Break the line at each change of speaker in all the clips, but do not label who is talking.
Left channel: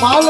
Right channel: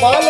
Vale.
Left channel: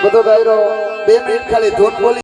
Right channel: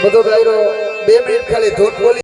બધો ગાયરો બે minute ખાલી ધૂન બોલી